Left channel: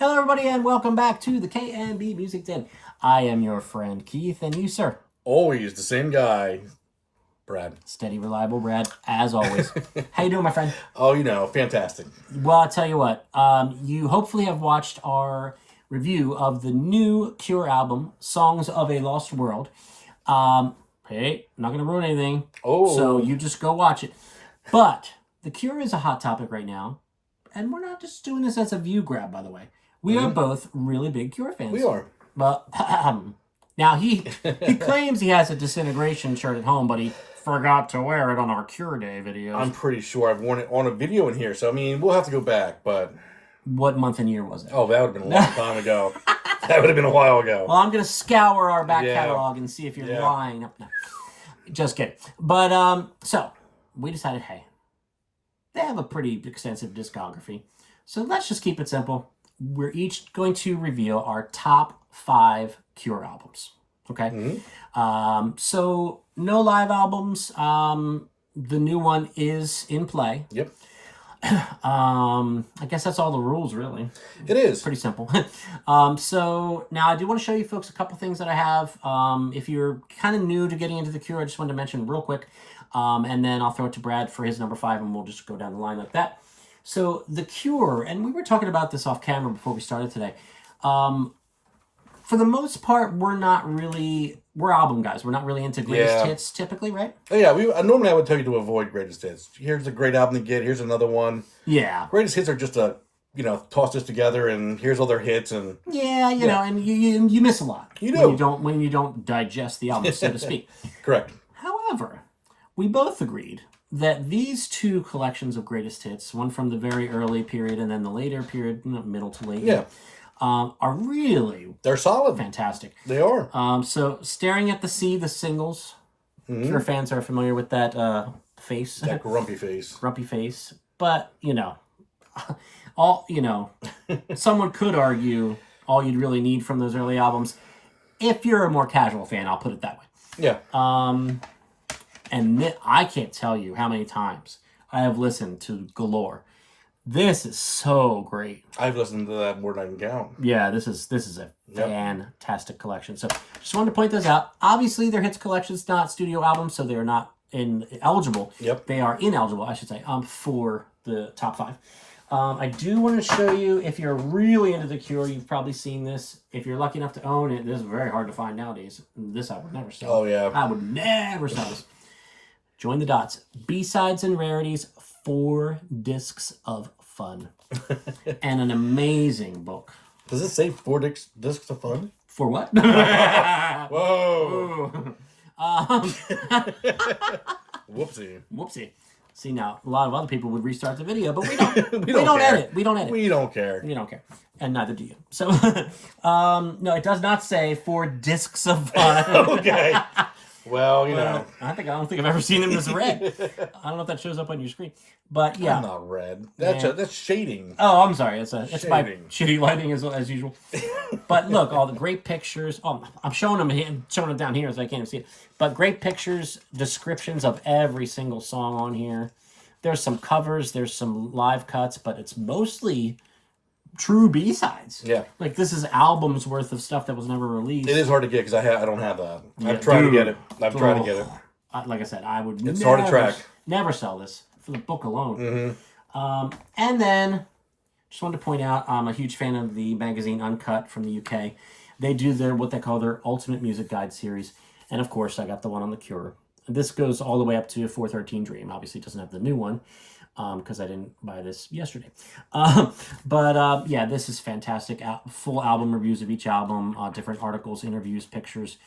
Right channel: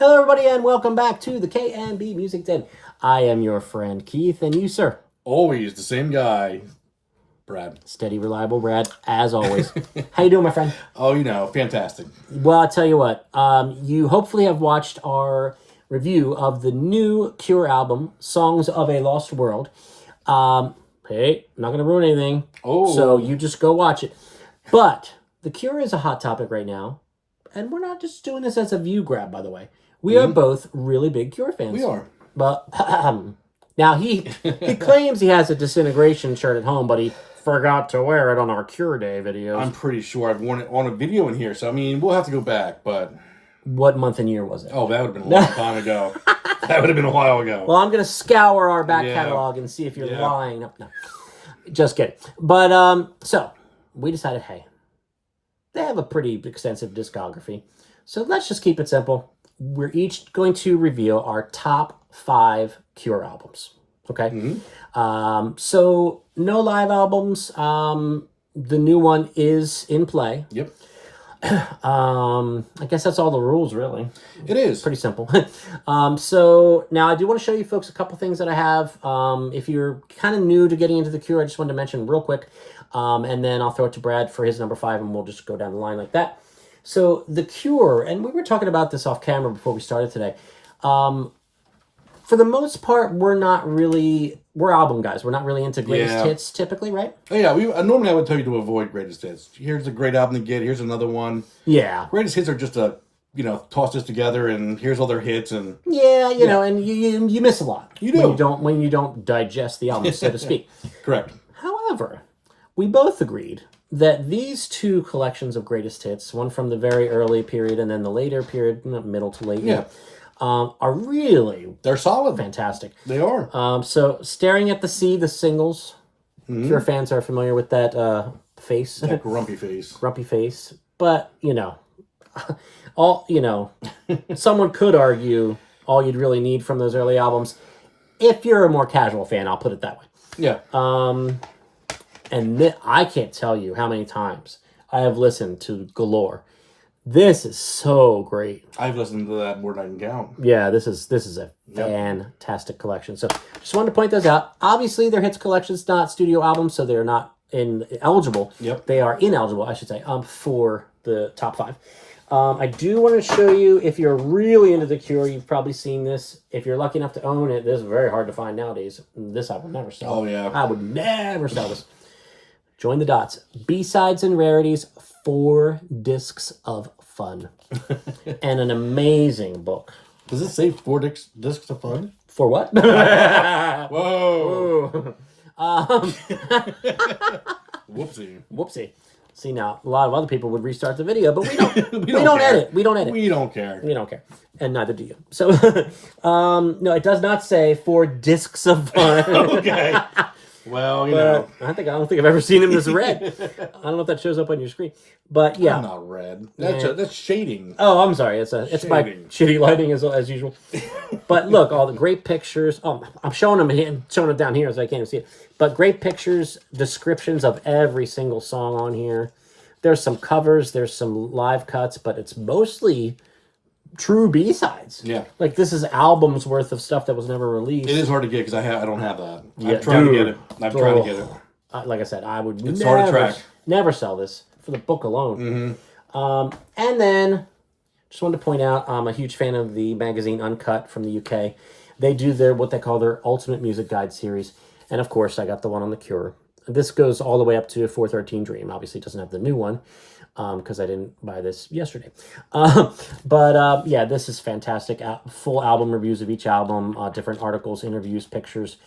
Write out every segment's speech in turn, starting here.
Hello, everybody, and welcome back to the K&B Music Den. I am your friend Keith, and you, sir. Always the same guy, Brad. Steady, reliable Brad, as always. How you doing, my friend? Oh, fantastic. Well, I'll tell you what. You hopefully have watched our review of the new Cure album, Songs of a Lost World. Hey, not going to ruin anything. Oh. So you just go watch it. But the Cure is a hot topic right now. And we're not just doing this as a view grab, by the way. We are both really big Cure fans. We are. But now he claims he has a Disintegration shirt at home, but he forgot to wear it on our Cure Day videos. I'm pretty sure I've worn it on a video in here, so I mean, we'll have to go back, but... What month and year was it? Oh, that would have been a long time ago. That would have been a while ago. Well, I'm going to scour our back catalog and see if you're lying. No, just kidding. But, so, we decided, hey, they have a pretty extensive discography. So let's just keep it simple. We're each going to reveal our top 5 Cure albums. Okay? Mm-hmm. So, no live albums. The new one is in play. Yep. I guess that's all the rules, really. It is. Pretty simple. So, now I do want to show you folks a couple things that I have. If you're kind of new to getting into the Cure, I just wanted to mention real quick. And then I'll throw it to Brad for his number 5, and we'll just go down the line like that. So The Cure, and we were talking about this off camera before we started today. For the most part, we're album guys. We're not really into greatest hits typically, right? Oh, yeah, normally I would tell you to avoid greatest hits. Here's a great album to get. Here's another one. Yeah. Greatest hits are just toss this together and here's all their hits and... Yeah, you know, and you miss a lot. You do. When you don't digest the album, so to speak. Correct. However, we both agreed that these two collections of greatest hits, one from the very early period and then the later period, middle to late, are really... They're solid. Fantastic. They are. So, Staring at the Sea, the singles. Cure fans are familiar with that face. That grumpy face. Grumpy face. But, someone could argue all you'd really need from those early albums. If you're a more casual fan, I'll put it that way. Yeah. And I can't tell you how many times I have listened to Galore. This is so great. I've listened to that more than I can count. Yeah, this is a fantastic collection. So just wanted to point those out. Obviously, they're hits collections, not studio albums, so they're not eligible. Yep. They are ineligible, I should say, for the top 5. I do want to show you, if you're really into The Cure, you've probably seen this. If you're lucky enough to own it, this is very hard to find nowadays. This I would never sell. Oh, yeah. I would never sell this. Join the dots. B-sides and rarities, 4 discs of fun. And an amazing book. Does it say 4 discs of fun? For what? Whoa. Whoopsie. See, now, a lot of other people would restart the video, but we don't. we don't edit. We don't edit. We don't care. We don't care. And neither do you. So, no, it does not say 4 discs of fun. Okay. Well, I don't think I've ever seen him this red. I don't know if that shows up on your screen, but yeah, I'm not red. That's shading. Oh, I'm sorry. It's my shitty lighting as usual. But look, all the great pictures. Oh, I'm showing them showing it down here, so I can't even see it. But great pictures, descriptions of every single song on here. There's some covers. There's some live cuts, but it's mostly true B-sides. Yeah. Like, this is albums worth of stuff that was never released. It is hard to get because I don't have that. I've tried to get it. Like I said, I would hard to track. Never sell this for the book alone. And then, just wanted to point out, I'm a huge fan of the magazine Uncut from the UK. They do what they call their Ultimate Music Guide series. And of course, I got the one on The Cure. This goes all the way up to 413 Dream. Obviously, it doesn't have the new one, because I didn't buy this yesterday. But this is fantastic. Full album reviews of each album, different articles, interviews, pictures.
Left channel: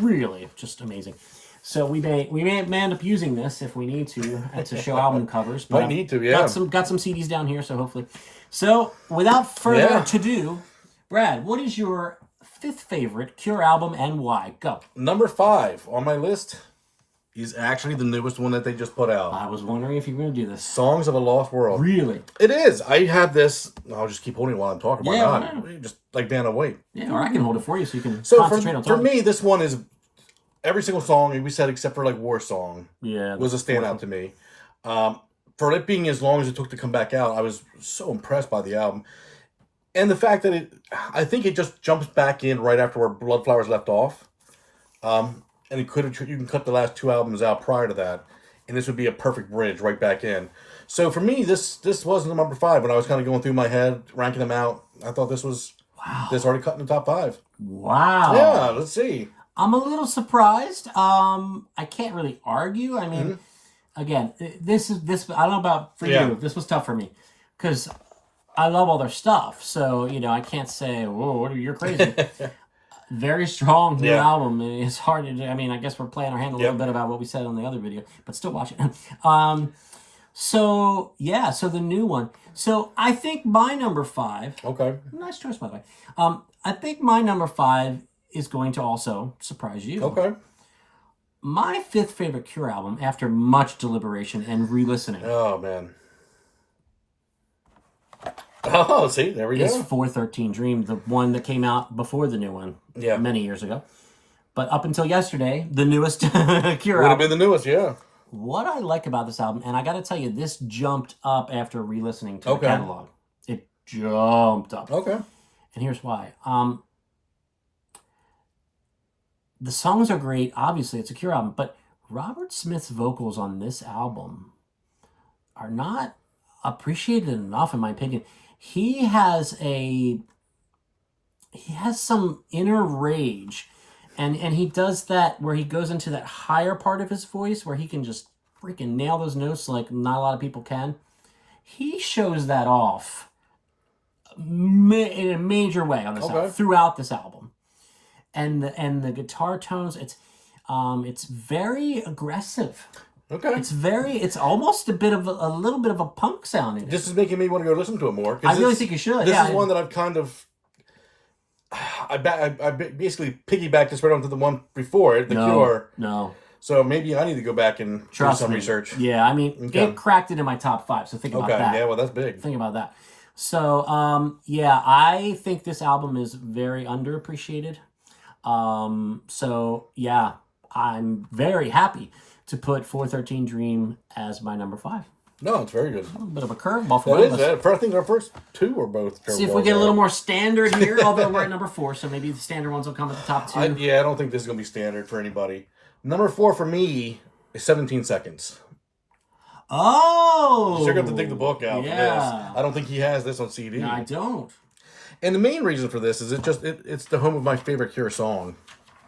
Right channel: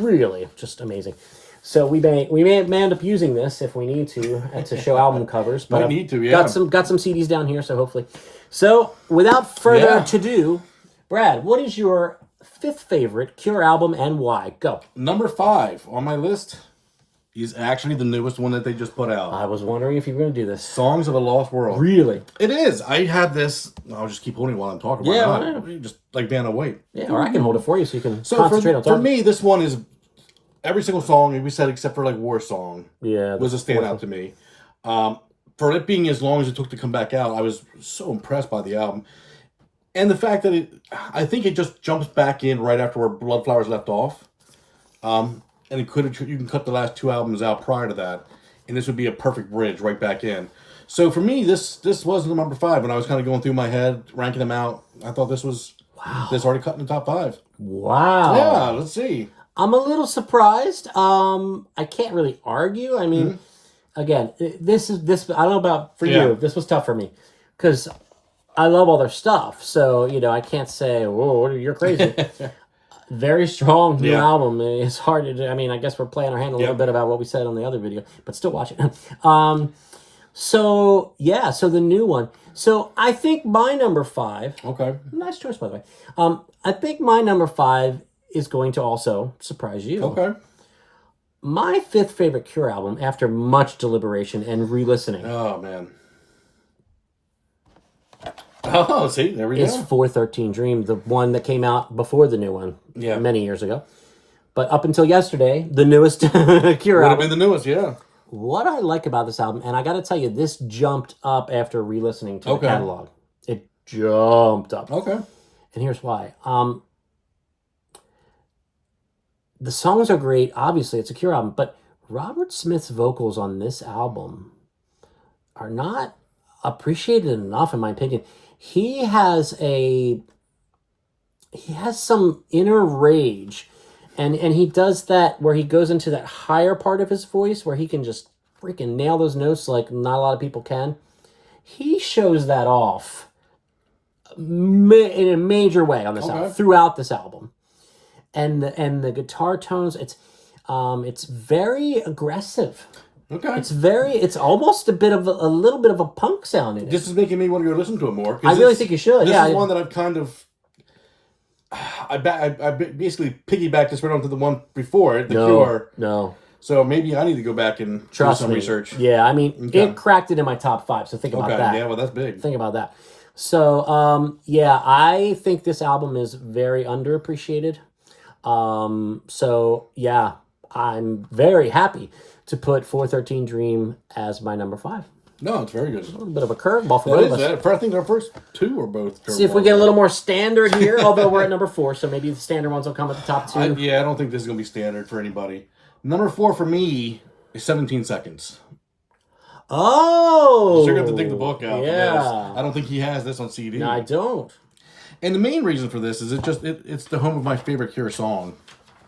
Really just amazing. So we may end up using this if we need to show album covers. But Might need to, yeah. Got some CDs down here, so hopefully. So without further ado, Brad, what is your 5th favorite Cure album and why? Go. Number 5 on my list is actually the newest one that they just put out. I was wondering if you were going to do this. Songs of a Lost World. Really? It is. I had this. I'll just keep holding it while I'm talking. Why not? Just like Vanna White. Yeah, or I can hold it for you so you can concentrate on talking. For me, this one is every single song we said except for like War Song. Yeah, was a standout to me. For it being as long as it took to come back out, I was so impressed by the album. And the fact that I think it just jumps back in right after where Bloodflowers left off. And you can cut the last 2 albums out prior to that, and this would be a perfect bridge right back in. So for me, this was the number 5 when I was kind of going through my head, ranking them out. I thought this was this already cut in the top 5. Wow. Yeah, let's see. I'm a little surprised. I can't really argue. I mean, again, this. I don't know about for you. This was tough for me because I love all their stuff. So I can't say, "Whoa, you're crazy." Very strong new album. It's hard to do. I mean, I guess we're playing our hand a little bit about what we said on the other video, but still watch it. So the new one. So I think my number 5. Okay. Nice choice, by the way. I think my number 5 is going to also surprise you. Okay. My 5th favorite Cure album, after much deliberation and re-listening, Oh man. Oh, see, there we is go. 413 Dream, the one that came out before the new one, many years ago. But up until yesterday, the newest Cure Would have album. been the newest, yeah. What I like about this album, and I got to tell you, this jumped up after re-listening to the catalog. It jumped up. Okay. And here's why. The songs are great. Obviously, it's a Cure album, but Robert Smith's vocals on this album are not appreciated enough, in my opinion. He has some inner rage, and he does that where he goes into that higher part of his voice where he can just freaking nail those notes like not a lot of people can. He shows that off in a major way on this album, throughout this album. And the guitar tones, it's very aggressive. Okay. It's almost a little bit of a punk sound in it. This is making me want to go listen to it more. I really think you should. This is one that I've kind of... I basically piggybacked this right onto the one before it, The Cure. No. So maybe I need to go back and do some research. Yeah, I mean, it cracked it in my top 5, so think about that. Okay, yeah, well, that's big. Think about that. So, I think this album is very underappreciated. So, yeah, I'm very happy to put 413 Dream as my number 5. No, it's very good. A little bit of a curveball for both of us. I think our first 2 were both curveballs. See if we get a little more standard here, although we're at number 4, so maybe the standard ones will come at the top 2. I don't think this is going to be standard for anybody. Number 4 for me is 17 Seconds. Oh! You're going to have to dig the book out for yeah. this. I don't think he has this on CD. No, I don't. And the main reason for this is it's the home of my favorite Cure song.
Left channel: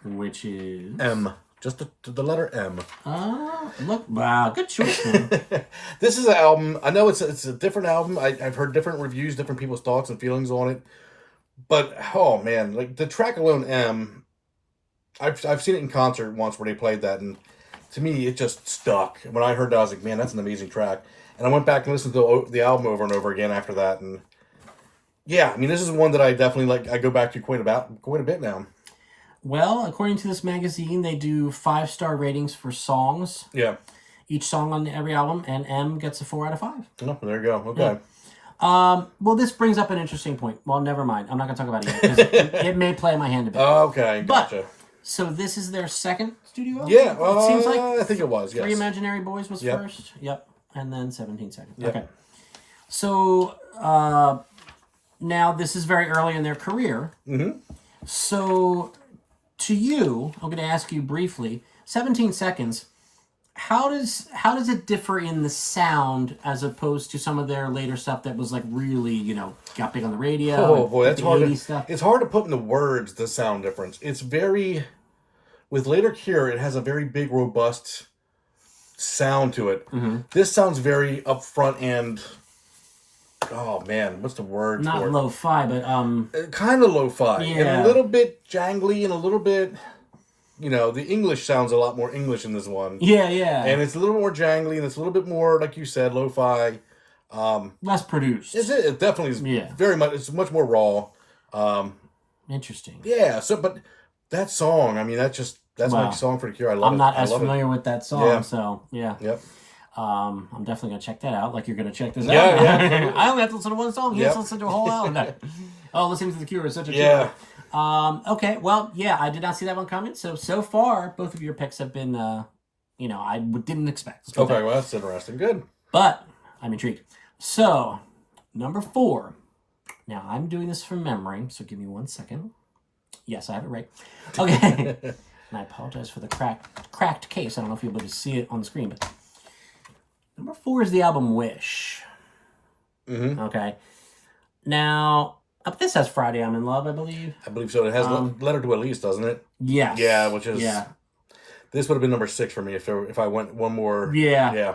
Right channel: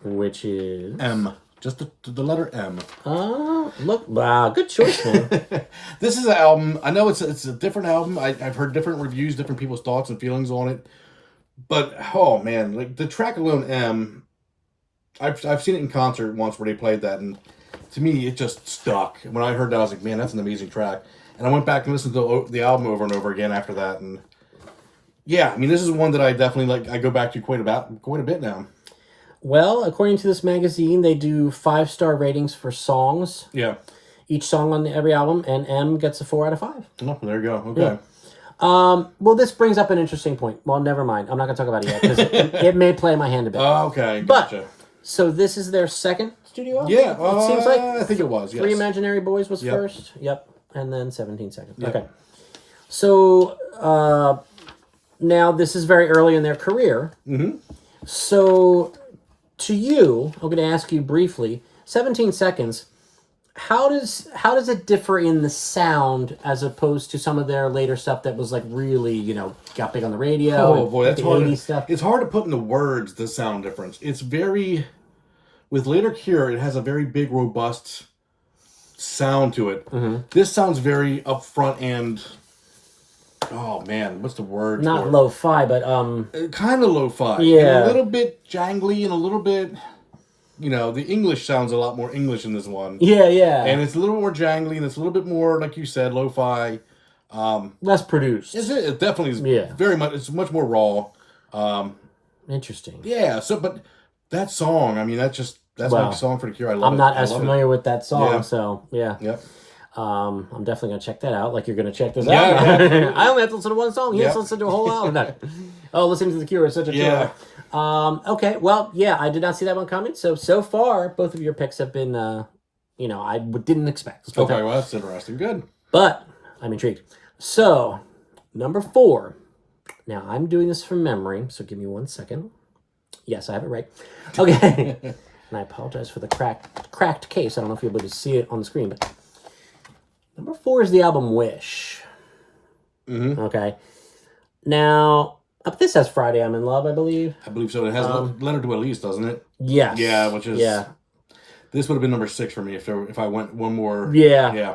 Which is? M. Just the letter M. Oh, look. Wow, good choice, man. This is an album. I know it's a different album. I've heard different reviews, different people's thoughts and feelings on it. But, oh, man. Like, the track alone, M, I've seen it in concert once where they played that, and to me, it just stuck. When I heard that, I was like, man, that's an amazing track. And I went back and listened to the album over and over again after that, and yeah, I mean, this is one that I definitely like. I go back to quite a bit now. Well, according to this magazine, they do 5-star ratings for songs. Yeah. Each song on every album, and M gets a 4 out of 5. Oh, there you go. Okay. Yeah. Well, this brings up an interesting point. Well, never mind. I'm not going to talk about it yet, because it may play my hand a bit. Okay, gotcha. But, so this is their second studio album? Yeah, it seems like. I think it was, yes. 3 Imaginary Boys was first. Yep. And then 17 Seconds. Yep. Okay. So, now this is very early in their career. Mm-hmm. So, to you, I'm going to ask you briefly, 17 Seconds, how does it differ in the sound as opposed to some of their later stuff that was like really, got big on the radio? Oh boy, that's hard. Stuff? It's hard to put into words the sound difference. It's very, with later Cure, it has a very big, robust sound to it. Mm-hmm. This sounds very upfront and, oh man, what's the word? Not lo-fi, but kind of lo-fi. Yeah, and a little bit jangly and a little bit. The English sounds a lot more English in this one. Yeah, yeah. And it's a little more jangly, and it's a little bit more, like you said, lo-fi. Less produced. It definitely is very much, it's much more raw. Interesting. Yeah, but that song, I mean, that's my song for the Cure. I love it. I'm not as familiar with that song, so yeah. Yep. I'm definitely going to check that out, like you're going to check this Yeah, out. yeah. I only have to listen to one song. He has to listen to a whole album. Oh, listening to The Cure is such a Yeah. joy. Okay, well, yeah, I did not see that one coming. So far, both of your picks have been, I didn't expect. Okay, well, that's interesting. Good. But I'm intrigued. So, number 4, Now, I'm doing this from memory, so give me 1 second. Yes, I have it right. Okay. And I apologize for the cracked case. I don't know if you'll be able to see it on the screen, but number 4 is the album Wish. Mm-hmm. Okay. Now, this has Friday I'm in Love, I believe. I believe so. It has Letter to Elise, doesn't it? Yes. Yeah, which is... Yeah. This would have been number 6 for me if I went one more... Yeah. Yeah.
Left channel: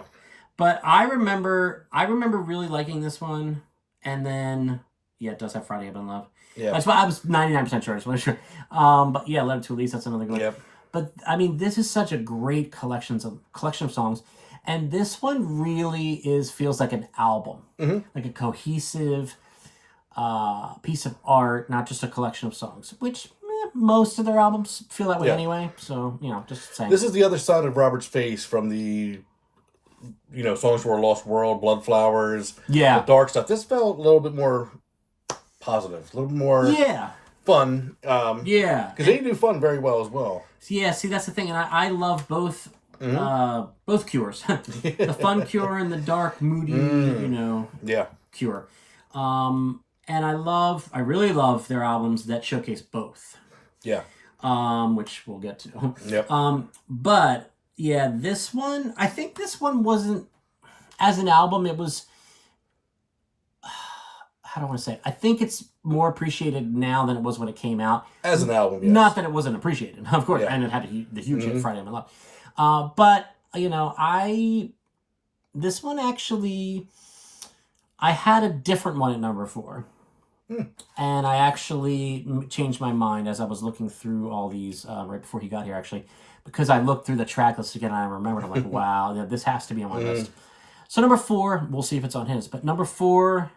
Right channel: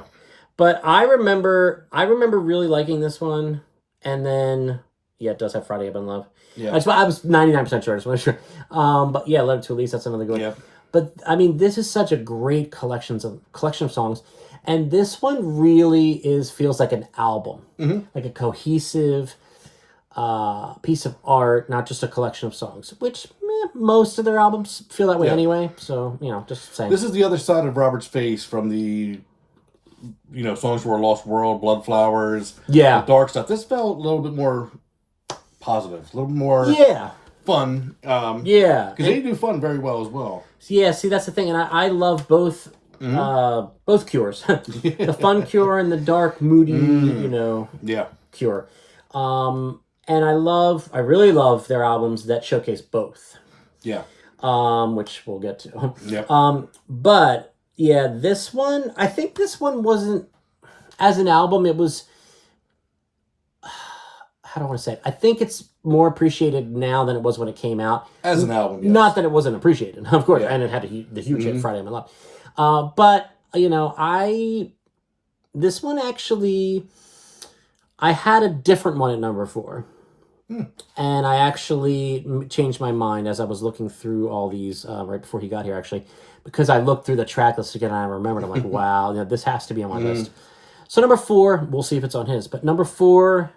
But I remember really liking this one, and then... Yeah, it does have Friday I'm in Love. Yeah. I was 99% sure. I just wasn't sure. But yeah, Letter to Elise, that's another good one. Yep. But I mean, this is such a great collection of songs, and this one really feels like an album, like a cohesive piece of art, not just a collection of songs. Which most of their albums feel that way anyway. So just saying. This is the other side of Robert's face from the, Songs for a Lost World, Blood Flowers, the dark stuff. This felt a little bit more positive, a little more fun. Because they do fun very well as well. Yeah, see, that's the thing, and I love both Cures, the fun Cure and the dark, moody, Cure. And I really love their albums that showcase both. Yeah. Which we'll get to. Yep. But yeah, this one, I think this one wasn't, as an album, it was, how do I want to say it? I think it's more appreciated now than it was when it came out. As an album, yes. Not that it wasn't appreciated, of course, and it had the huge hit Friday I'm in Love. But, this one actually, I had a different one at number 4. And I actually changed my mind as I was looking through all these right before he got here, actually, because I looked through the track list again and I remembered, I'm like, wow, this has to be on my list. So number 4, we'll see if it's on his, but number 4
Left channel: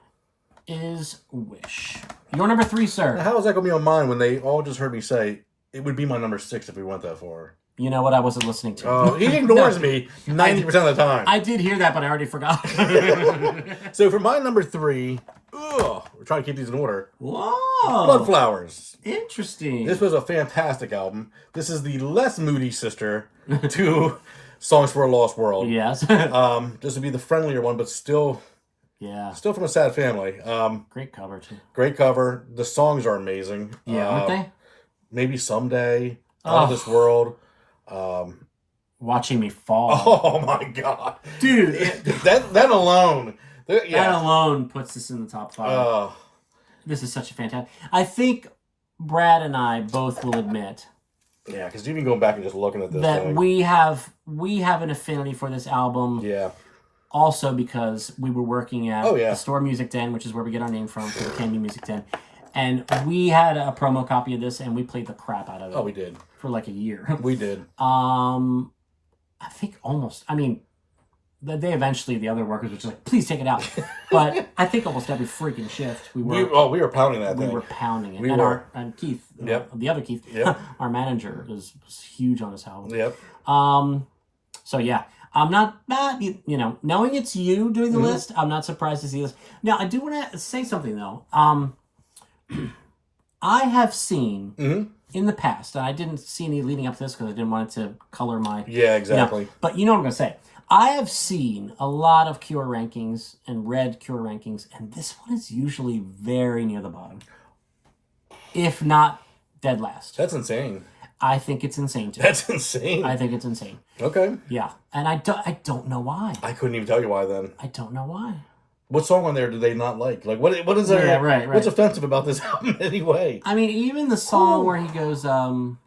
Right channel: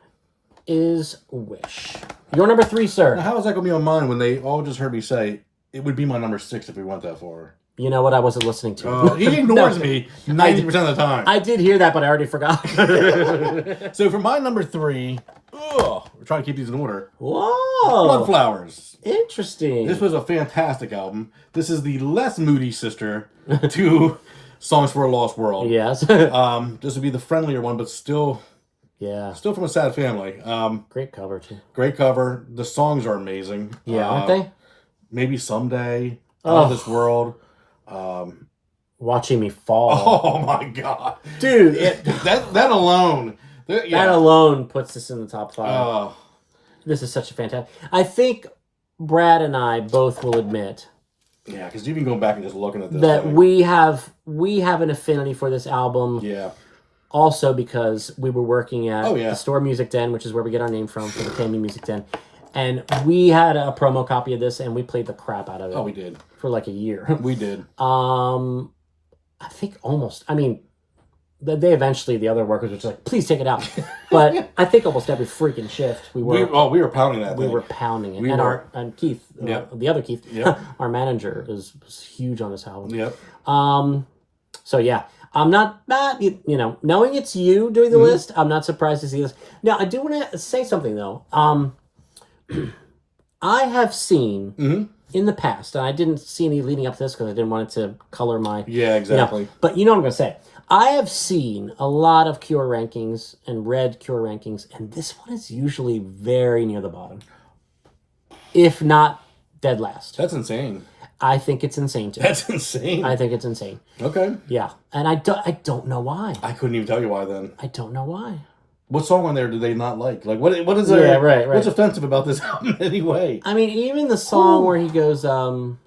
is Wish. Your number 3, sir. Now, how is that going to be on mine when they all just heard me say it would be my number 6 if we went that far? You know what? I wasn't listening to. He ignores me 90% of the time. I did hear that, but I already forgot. So for my number 3, we're trying to keep these in order. Whoa! Blood Flowers. Interesting. This was a fantastic album. This is the less moody sister to Songs for a Lost World. Yes. This would be the friendlier one, but still from a sad family. Great cover too. Great cover. The songs are amazing. Yeah, aren't they? Maybe Someday. Out of This World. Watching Me Fall. Oh my god, dude! That alone. That alone puts this in the top 5. This is such a fantastic. I think Brad and I both will admit. Yeah, because even going back and just looking at this, that we have an affinity for this album. Yeah. Also because we were working at the Store Music Den, which is where we get our name from the Candy Music Den, and we had a promo copy of this, and we played the crap out of it. Oh, we did for like a year. We did. I think almost. I mean, they eventually the other workers were just like, "Please take it out." But I think almost every freaking shift we were pounding that. We were pounding it. And Keith, the other Keith, our manager, was huge on this album. Yep. So yeah, I'm not knowing it's you doing the list. I'm not surprised to see this. Now I do want to say something though. I have seen in the past, and I didn't see any leading up to this because I didn't want it to color my... Yeah, exactly. But you know what I'm going to say. I have seen a lot of Cure rankings and read Cure rankings, and this one is usually very near the bottom. If not dead last. That's insane. I think it's insane too. That's insane. I think it's insane. Okay. Yeah. And I don't know why. I couldn't even tell you why then. I don't know why. What song on there do they not like? Like, what is there? Yeah, right. What's offensive about this album anyway? I mean, even the song where he goes, remember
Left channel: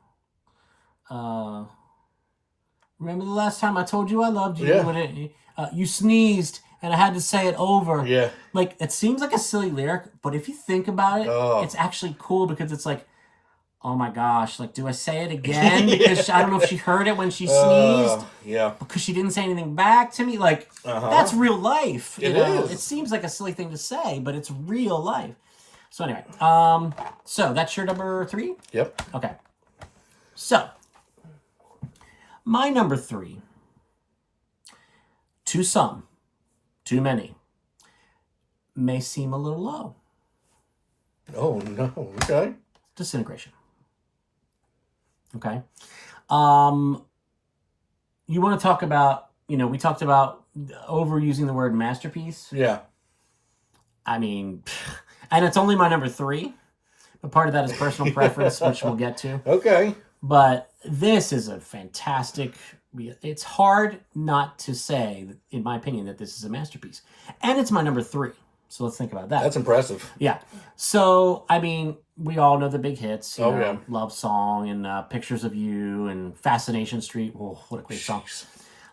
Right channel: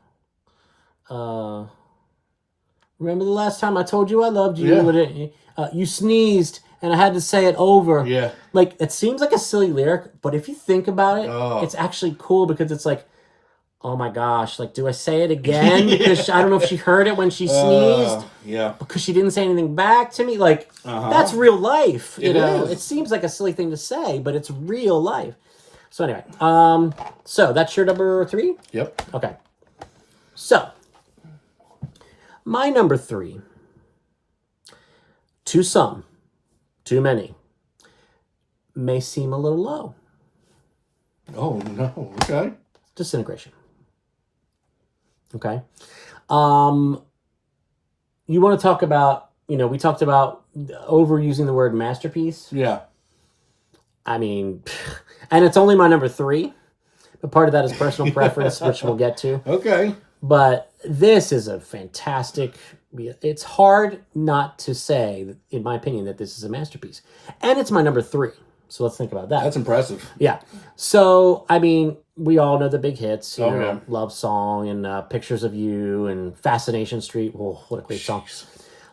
the last time I told you I loved you? Yeah. You sneezed and I had to say it over. Yeah. Like, it seems like a silly lyric, but if you think about it, it's actually cool because it's like, oh my gosh, like, do I say it again? Because I don't know if she heard it when she sneezed. Yeah. Because she didn't say anything back to me. Like, that's real life. You know? It seems like a silly thing to say, but it's real life. So anyway, so that's your number 3? Yep. Okay. So, my number 3, to some, too many, may seem a little low. Oh, no. Okay. Disintegration. Okay. You want to talk about, we talked about overusing the word masterpiece. Yeah. I mean, And it's only my number 3. But part of that is personal preference, which we'll get to. Okay. But this is a fantastic... It's hard not to say, in my opinion, that this is a masterpiece. And it's my number 3. So let's think about that. That's impressive. Yeah. So, I mean, we all know the big hits. You know, yeah. Love Song and Pictures of You and Fascination Street. Oh, what a great song.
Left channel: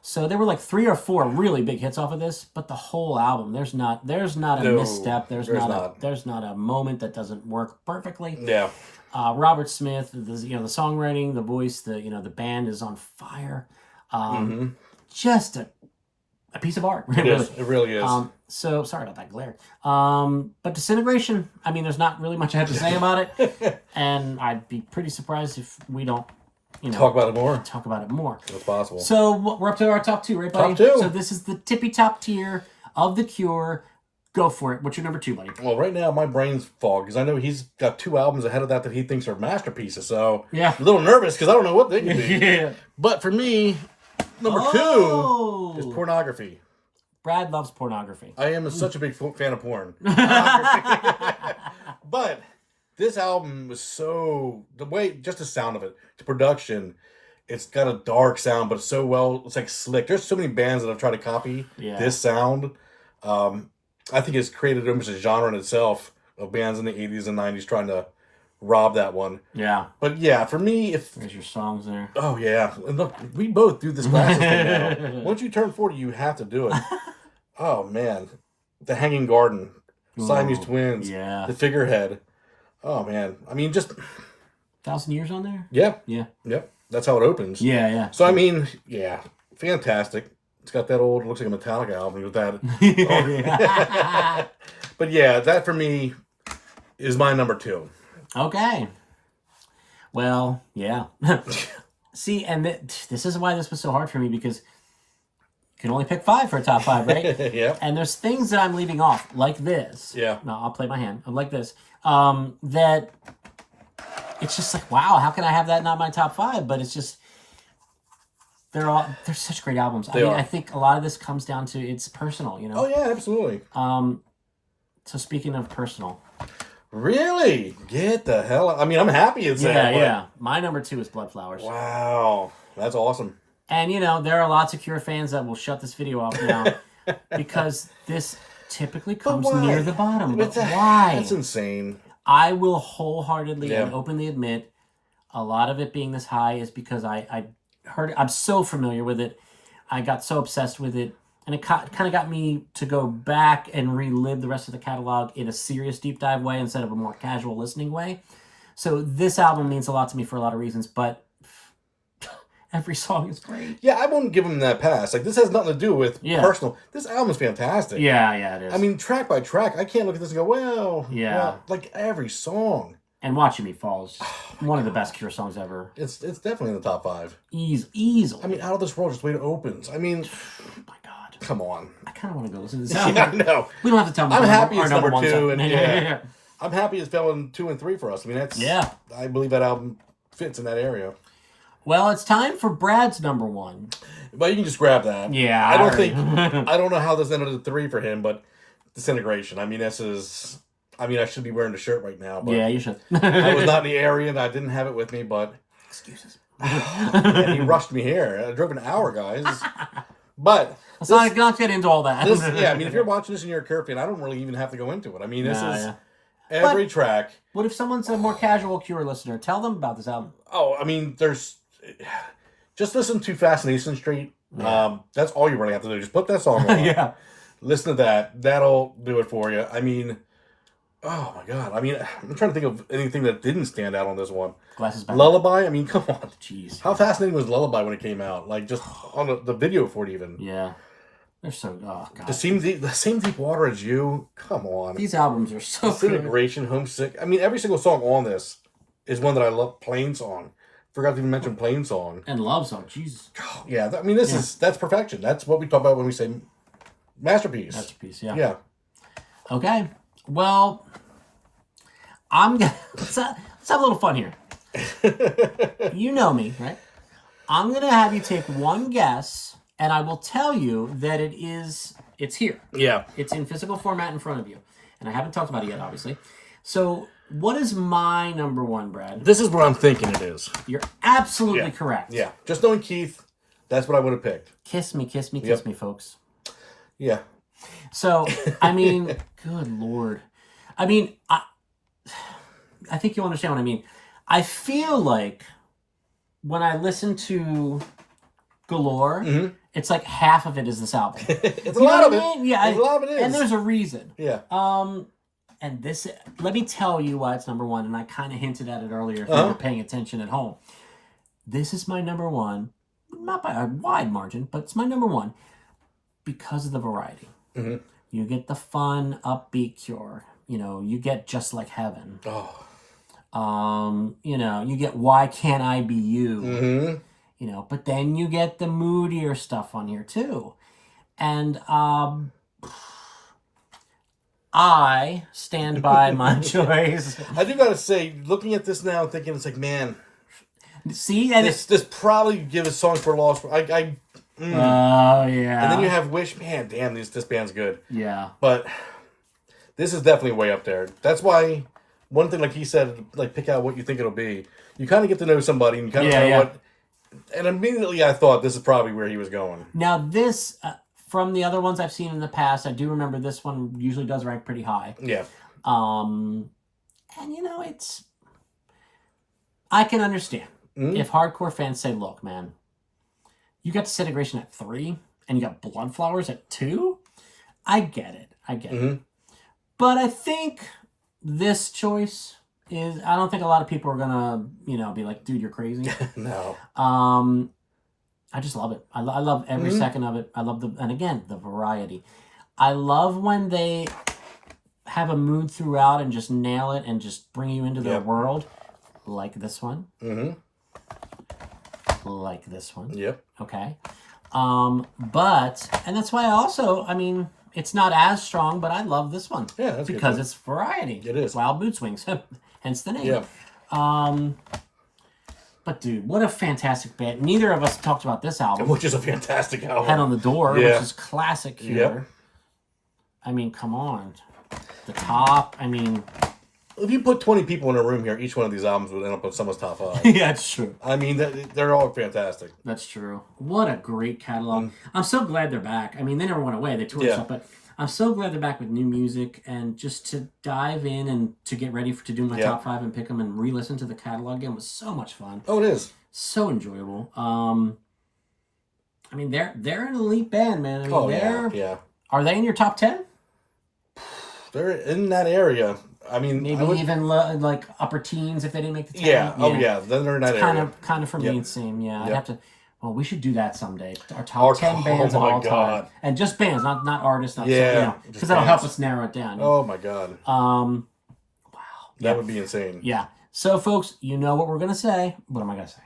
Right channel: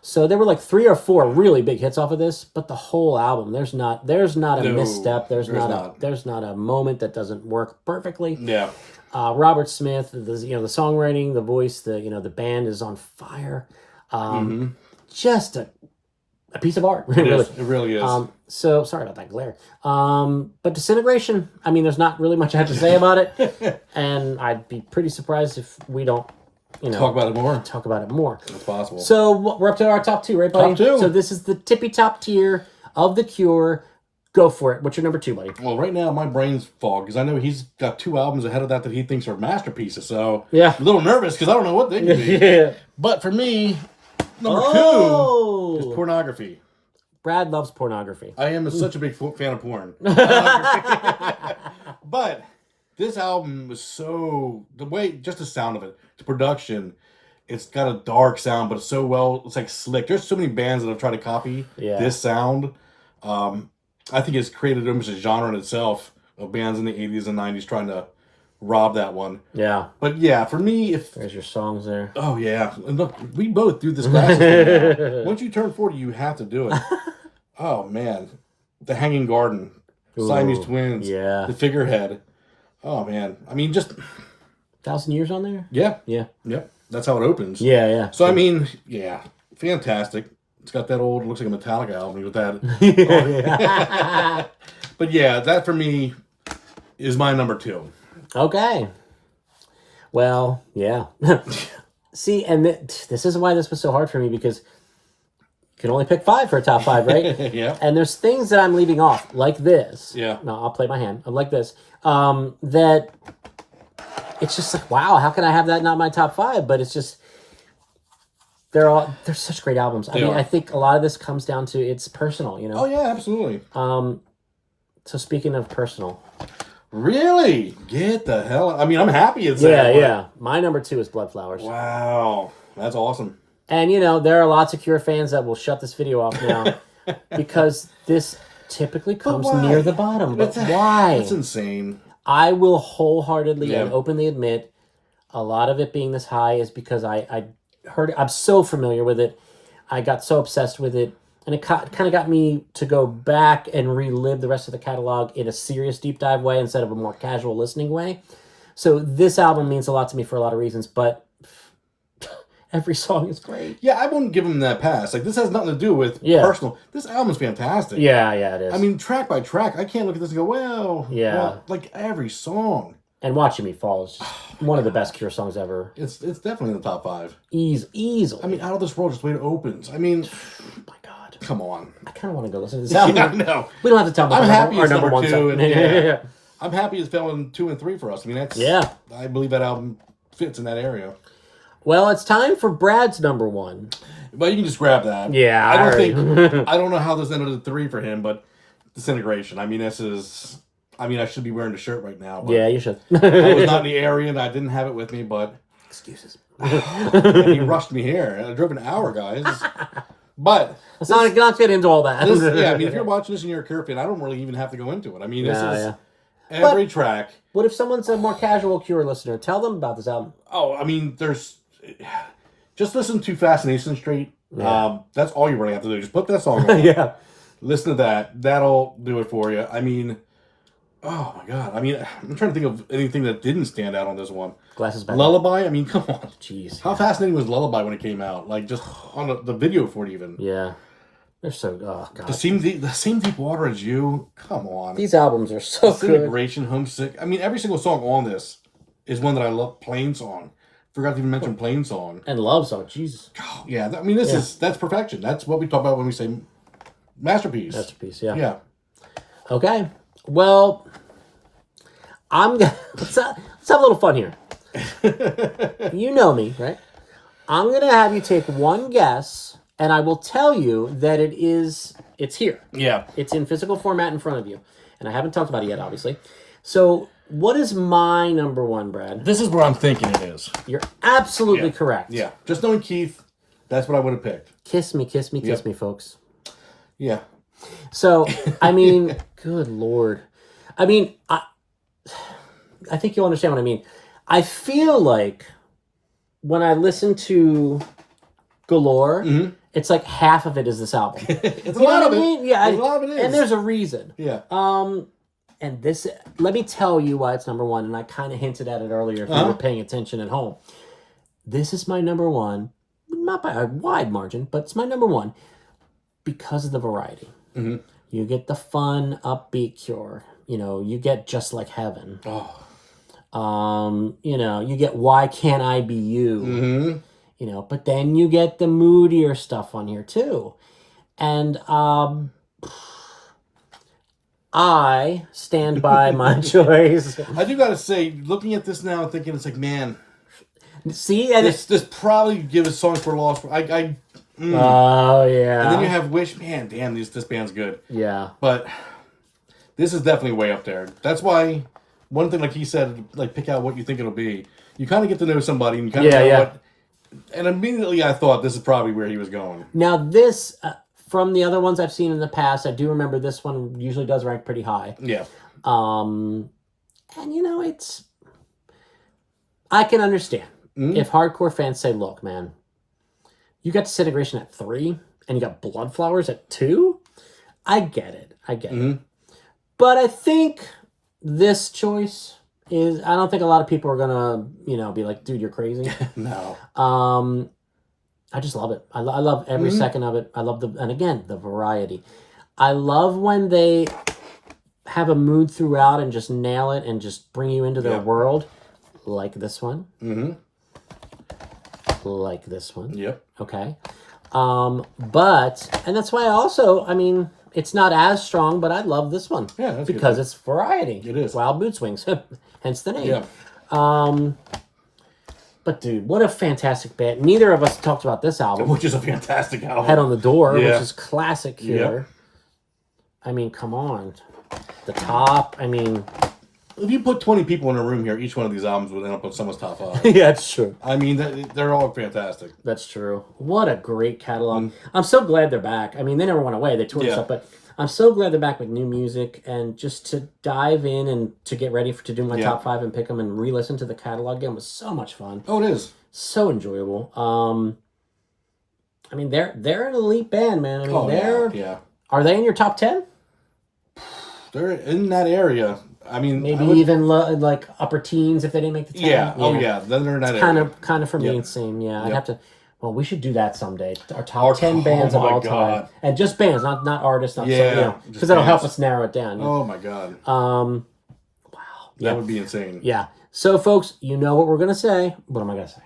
So there were like 3 or 4 really big hits off of this, but the whole album, there's not a misstep. There's not a moment that doesn't work perfectly. Yeah. Robert Smith, the songwriting, the voice, the band is on fire. Just a piece of art. It really is. So sorry about that glare. But Disintegration, I mean, there's not really much I have to say about it, and I'd be pretty surprised if we don't, talk about it more. That's possible. So we're up to our top 2, right, buddy? Top 2. So this is the tippy top tier of The Cure. Go for it. What's your number 2, buddy? Well, right now my brain's fogged because I know he's got 2 albums ahead of that he thinks are masterpieces. So yeah, I'm a little nervous because I don't know what they can be. Yeah. But for me, number 2 is Pornography. Brad loves pornography. I am such a big fan of porn. But this album was just the sound of it, the production, it's got a dark sound, but it's it's like slick. There's so many bands that have tried to copy this sound. I think it's created almost a genre in itself of bands in the 80s and 90s trying to rob that one. Yeah. But yeah, for me, there's your songs there. Oh yeah, and look, we both do this glasses thing now. Once you turn 40, you have to do it. Oh man, The Hanging Garden, Siamese Twins, The Figurehead. Oh man, I mean, just 1,000 Years on there. Yeah. Yep. That's how it opens. Yeah. So I mean, fantastic. It's got that old, looks like a Metallica album with that. But yeah, that for me is my number 2. Okay. Well, yeah. See, and this is why this was so hard for me, because you can only pick 5 for a top 5, right? Yeah. And there's things that I'm leaving off, like this. Yeah. No, I'll play my hand. Like this. That it's just like, wow, how can I have that not my top 5? But it's just, they're such great albums. I think a lot of this comes down to it's personal, Oh yeah, absolutely. So speaking of personal. Really? Get the hell out. I mean, I'm happy it's that. Yeah. My number 2 is Blood Flowers. Wow. That's awesome. And, there are lots of Cure fans that will shut this video off now because this typically comes near the bottom. But why? That's insane. I will wholeheartedly and openly admit a lot of it being this high is because I heard it. I'm so familiar with it. I got so obsessed with it. And it kind of got me to go back and relive the rest of the catalog in a serious deep dive way instead of a more casual listening way. So this album means a lot to me for a lot of reasons, but every song is great. Yeah, I won't give him that pass. Like, this has nothing to do with personal. This album is fantastic. Yeah, it is. I mean, track by track, I can't look at this and go, well, like every song. And Watching Me Fall is just one of the best Cure songs ever. It's definitely in the top 5. Easily. I mean, Out of This World, just the way it opens. I mean, my God. Come on. I kind of want to go listen to this album. Yeah, I know. We don't have to tell them. I'm happy it's number 2. Song. And I'm happy it's fell in 2 and 3 for us. I mean, that's... Yeah. I believe that album fits in that area. Well, it's time for Brad's number 1. But you can just grab that. Yeah. I don't know how this ended at 3 for him, but Disintegration. I mean, I should be wearing the shirt right now. But yeah, you should. I was not in the area and I didn't have it with me, but... Excuses. He rushed me here. I drove an hour, guys. But... Let's not get into all that. I mean, if you're watching this and you're a Cure fan, I don't really even have to go into it. I mean, this is every track. What if someone's a more casual Cure listener? Tell them about this album. Oh, I mean, just listen to Fascination Street. Yeah. That's all you really have to do. Just put that song on. Yeah. Listen to that. That'll do it for you. I mean, oh my God. I mean, I'm trying to think of anything that didn't stand out on this one. Glasses back. Lullaby. I mean, come on. Jeez. How fascinating was Lullaby when it came out? Like, just on the video for it even. Yeah. They're so, oh God. The same Deep Water as You. Come on. These albums are so good. Disintegration, Homesick. I mean, every single song on this is one that I love. Plain Song. Forgot to even mention Plain Song. And Love Song. Jesus. Yeah, I mean, that's perfection. That's what we talk about when we say masterpiece. Masterpiece, yeah. Yeah. Okay. Well, let's have a little fun here. You know me, right? I'm going to have you take one guess, and I will tell you that it's here. Yeah. It's in physical format in front of you. and I haven't talked about it yet, obviously. So, what is my number one, Brad? This is what I'm thinking it is. You're absolutely correct. Yeah. Just knowing Keith, that's what I would have picked. Kiss me, kiss me, kiss me, folks. Yeah. So, I mean, good Lord. I mean, I think you'll understand what I mean. I feel like when I listen to Galore, it's like half of it is this album. It's a lot of it. Yeah, a lot of it is. And there's a reason. Yeah. And this, let me tell you why it's number one, and I kind of hinted at it earlier if you were paying attention at home. This is my number one, not by a wide margin, but it's my number one because of the variety. You get the fun, upbeat Cure. You know, you get Just Like Heaven. You know, you get Why Can't I Be You? You know, but then you get the moodier stuff on here too. And I stand by my choice. I do gotta say, looking at this now and thinking, it's like, man, See, and this probably give us Songs for Lost. oh yeah. And then you have Wish. Man, damn, this band's good. Yeah. But this is definitely way up there. That's why one thing, like he said, like pick out what you think it'll be. You kind of get to know somebody, and you kind of know what. And immediately, I thought this is probably where he was going. Now this, from the other ones I've seen in the past, I do remember this one usually does rank pretty high. Yeah. And you know, it's. I can understand if hardcore fans say, "Look, man, you got Disintegration at 3, and you got Bloodflowers at 2." I get it. I get it. But I think this choice is. I don't think a lot of people are gonna, you know, be like, "Dude, you're crazy." No. I just love it. I love every second of it. I love and again, the variety. I love when they have a mood throughout and just nail it and just bring you into their world, like this one. Like this one. Yep. Okay. But, and that's why I mean, it's not as strong, but I love this one. Yeah, that's because it's variety. It is. Wild Mood Swings, hence the name. Yeah. But dude, what a fantastic band. Neither of us talked about this album. Which is a fantastic album. Head on the Door, Yeah. which is classic here. I mean, come on. The Top, I mean... If you put 20 people in a room here, each one of these albums would end up on someone's top 5. yeah, it's true. I mean, they're all fantastic. That's true. What a great catalog. I'm so glad they're back. I mean, they never went away. They toured stuff, but I'm so glad they're back with new music, and just to dive in and to get ready to do my top 5 and pick them and re-listen to the catalog again was so much fun. Oh, it is. So enjoyable. I mean, they're an elite band, man. I mean, yeah. Are they in your top 10? They're in that area. I mean, maybe even like upper teens if they didn't make the 10. Yeah. Oh, yeah. Then they're in that area. Kind of for me and same. Yeah, I'd have to. Well, we should do that someday. Our top 10 bands of all time, and just bands, not artists. Not because that'll help us narrow it down. Oh my god. Wow. That would be insane. Yeah. So, folks, you know what we're gonna say. What am I gonna say?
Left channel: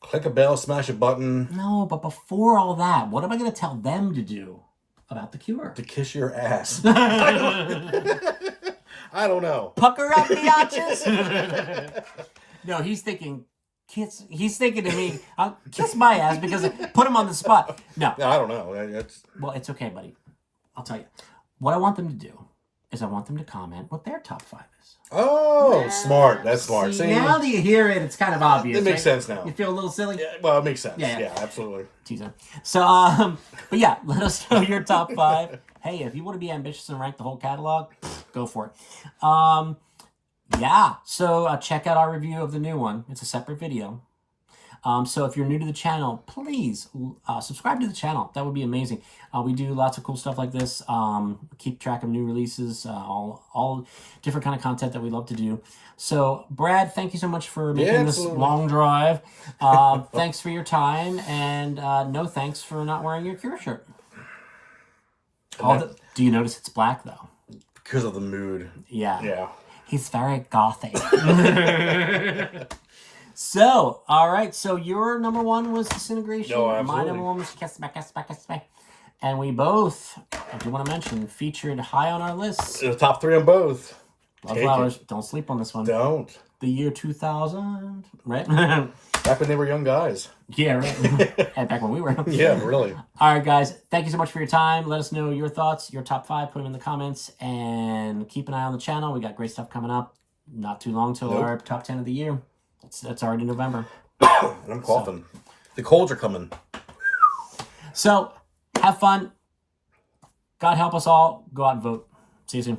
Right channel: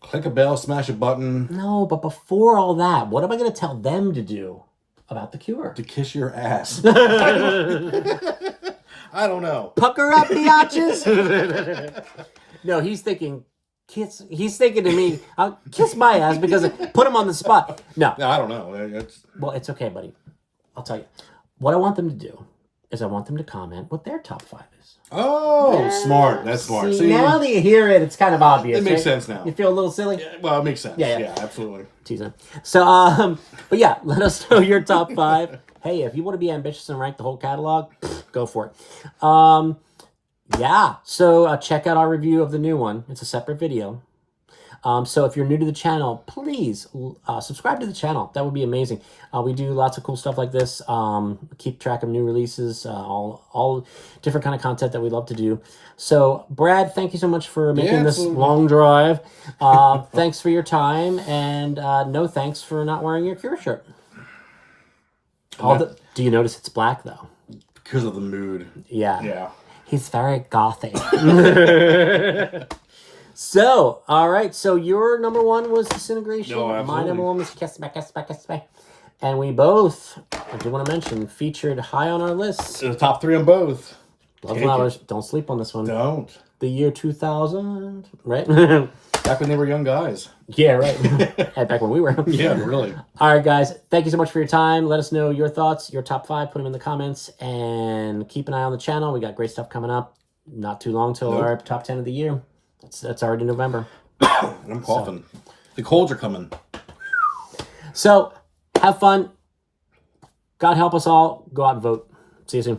Click a bell, smash a button. No, but before all that, what am I gonna tell them to do about the Cure? To kiss your ass. I don't know. Pucker up the arches. No, he's thinking kiss. He's thinking to me, I'll kiss my ass because I put him on the spot. No, I don't know. Well, it's okay, buddy. I'll tell you. What I want them to do is I want them to comment what their top 5 is. Oh, smart. That's smart. See, now that you hear it, it's kind of obvious. It makes sense now. You feel a little silly? Yeah, well, it makes sense. Yeah. Yeah, absolutely. Teasing. So, but yeah, let us know your top 5. Hey, if you want to be ambitious and rank the whole catalog, go for it. Yeah, so check out our review of the new one. It's a separate video. So if you're new to the channel, please subscribe to the channel. That would be amazing. We do lots of cool stuff like this. Keep track of new releases, all different kind of content that we love to do. So, Brad, thank you so much for making this long drive. Thanks for your time, and no thanks for not wearing your Cure shirt. Do you notice it's black, though? Because of the mood. Yeah. Yeah. He's very gothic. So, all right. So your number 1 was Disintegration. No, absolutely. My number 1 was Kiss Back, Kiss Back, Kiss Back. And we both, I do want to mention, featured high on our list. The top 3 on both. Bloodflowers. Don't sleep on this one. Don't. The year 2000, right? Back when they were young guys. Yeah, right. And back when we were. Yeah, really. All right, guys. Thank you so much for your time. Let us know your thoughts, your top 5. Put them in the comments. And keep an eye on the channel. We got great stuff coming up. Not too long till our top 10 of the year. That's already November. I'm coughing. So, the colds are coming. So, have fun. God help us all. Go out and vote. See you soon.